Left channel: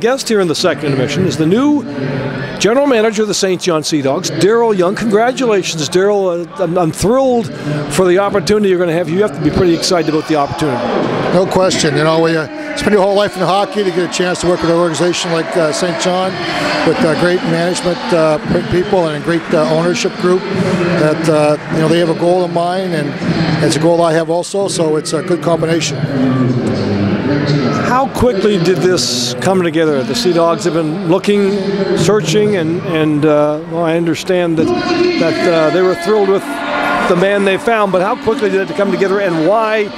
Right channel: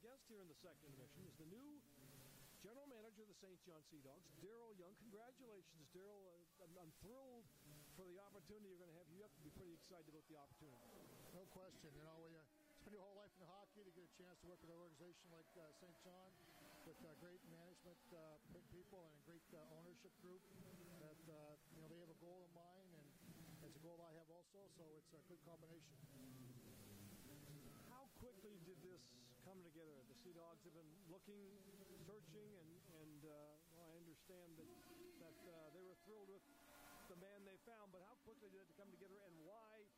guest here in the second intermission is the new general manager of the St. John Sea Dogs, Darrell Young. Congratulations, Darrell. I'm thrilled for the opportunity you're going to have. You have to be pretty excited about the opportunity. No question. You know, we spend your whole life in hockey to get a chance to work with an organization like St. John with great management people and a great ownership group that, you know, they have a goal in mind, and it's a goal I have also, so it's a good combination. How quickly did this come together? The Sea Dogs have been looking, searching, and well, I understand that they were thrilled with the man they found, but how quickly did it come together, and why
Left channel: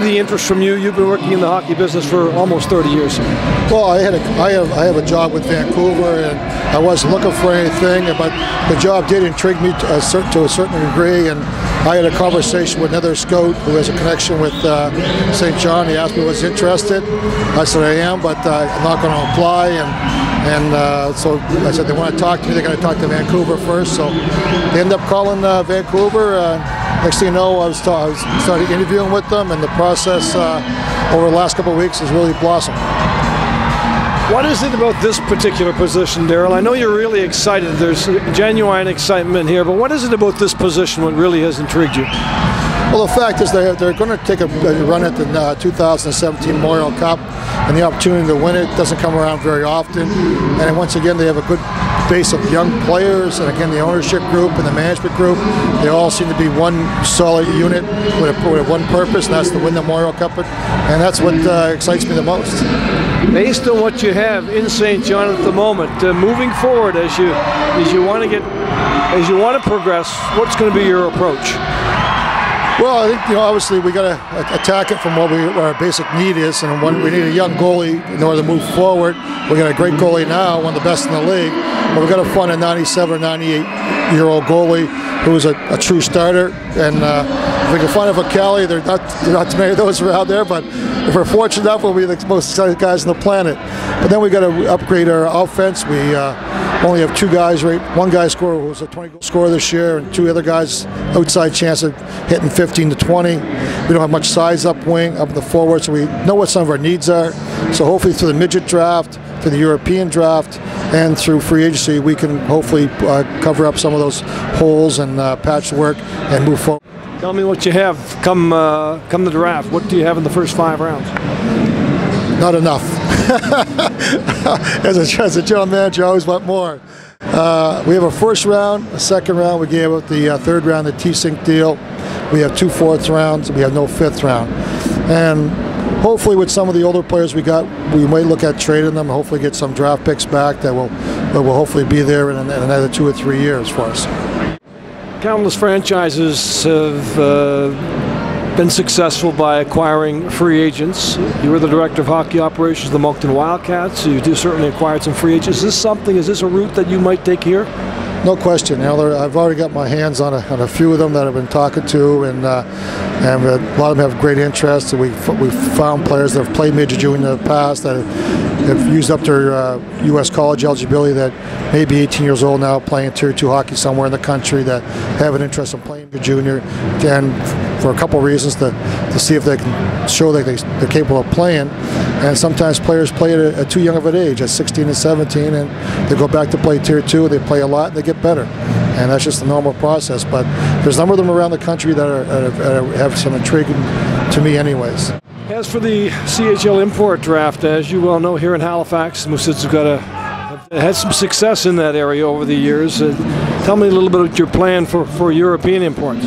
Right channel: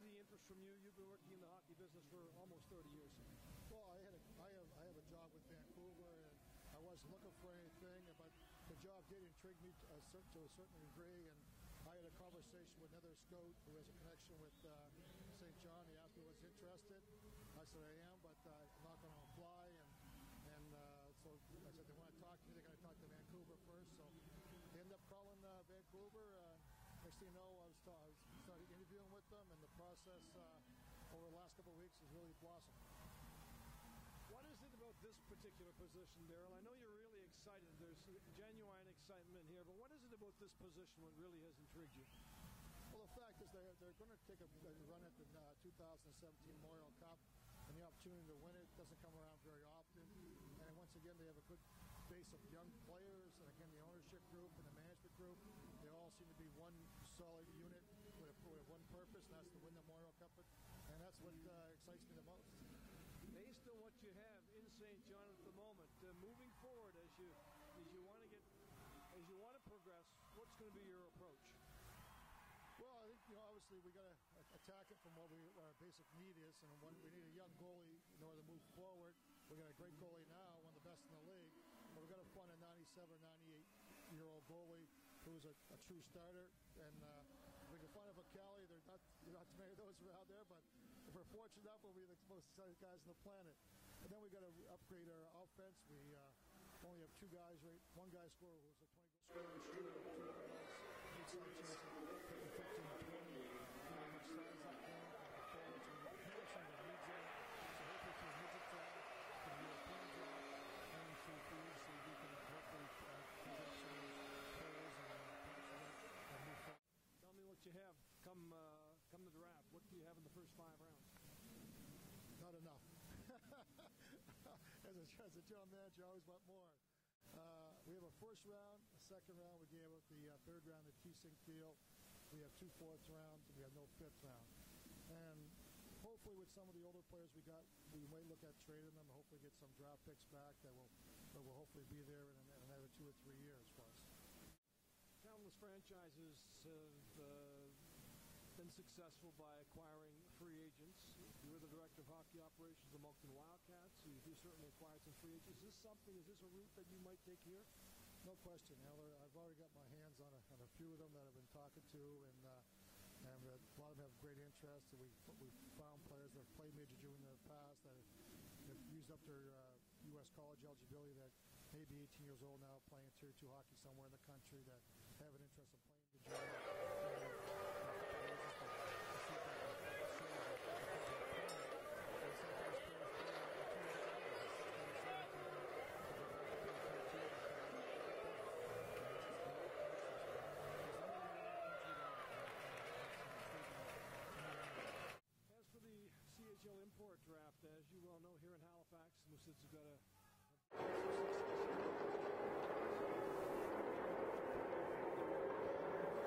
the interest from you? You've been working in the hockey business for almost 30 years. Well, I have a job with Vancouver, and I wasn't looking for anything, but the job did intrigue me to a certain degree, and I had a conversation with another scout who has a connection with St. John. He asked me was interested. I said I am, but I'm not going to apply, and so I said they want to talk to me. They're going to talk to Vancouver first, so they ended up calling Vancouver. Next thing you know, I started interviewing with them, and the process over the last couple of weeks has really blossomed. What is it about this particular position, Darrell? I know you're really excited. There's genuine excitement here, but what is it about this position what really has intrigued you? Well, the fact is they're going to take a run at the 2017 Memorial Cup, and the opportunity to win it doesn't come around very often. And once again, they have a good base of young players, and again, the ownership group and the management group, they all seem to be one solid unit with one purpose, and that's to win the Memorial Cup, and that's what excites me the most. Based on what you have in St. John at the moment, moving forward as you want to progress, what's going to be your approach? Well, I think, you know, obviously we got to attack it from what our basic need is, and we need a young goalie in order to move forward. We got a great goalie now, one of the best in the league, but we've got to find a 97 or 98-year-old goalie who's a true starter. And if we can find a Vocali, there are not too many of those around there, but if we're fortunate enough, we'll be the most exciting guys on the planet. But then we got to upgrade our offense. We only have two guys, right? One guy who's a 20-goal scorer this year, and two other guys outside chance of hitting 15 to 20. We don't have much size up wing, up in the forward, so we know what some of our needs are. So hopefully through the midget draft, through the European draft, and through free agency, we can hopefully cover up some of those holes and patch the work and move forward. Tell me what you have come the draft. What do you have in the first 5 rounds? Not enough. As a general manager, I always want more. We have a first round, a second round. We gave up the third round, the T-Sync deal. We have 2 fourth rounds. We have no 5th round. And hopefully with some of the older players we got, we might look at trading them and hopefully get some draft picks back that will hopefully be there in another 2 or 3 years for us. Countless franchises have been successful by acquiring free agents. You were the director of hockey operations of the Moncton Wildcats, so you certainly acquired some free agents. Is this a route that you might take here? No question. You know, I've already got my hands on a few of them that I've been talking to, and a lot of them have great interest. We've found players that have played Major Junior in the past that have used up their U.S. college eligibility that may be 18 years old now, playing Tier 2 hockey somewhere in the country, that have an interest in playing Major Junior, and for a couple of reasons to see if they can show that they're capable of playing. And sometimes players play at too young of an age, at 16 and 17, and they go back to play Tier 2, they play a lot, and they get better. And that's just the normal process. But there's a number of them around the country that have some intrigue to me anyways. As for the CHL import draft, as you well know, here in Halifax, Mooseheads have had some success in that area over the years. Tell me a little bit about your plan for European imports.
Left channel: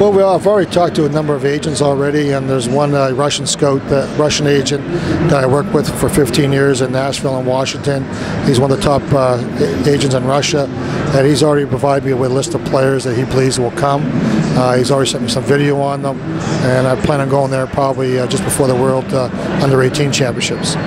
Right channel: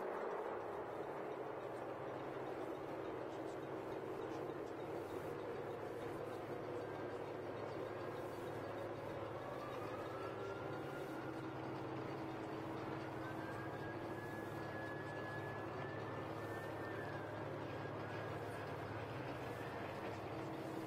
Well, I've already talked to a number of agents already, and there's one Russian scout, Russian agent that I worked with for 15 years in Nashville and Washington. He's one of the top agents in Russia, and he's already provided me with a list of players that he believes will come. He's already sent me some video on them, and I plan on going there probably just before the World Under-18 Championships.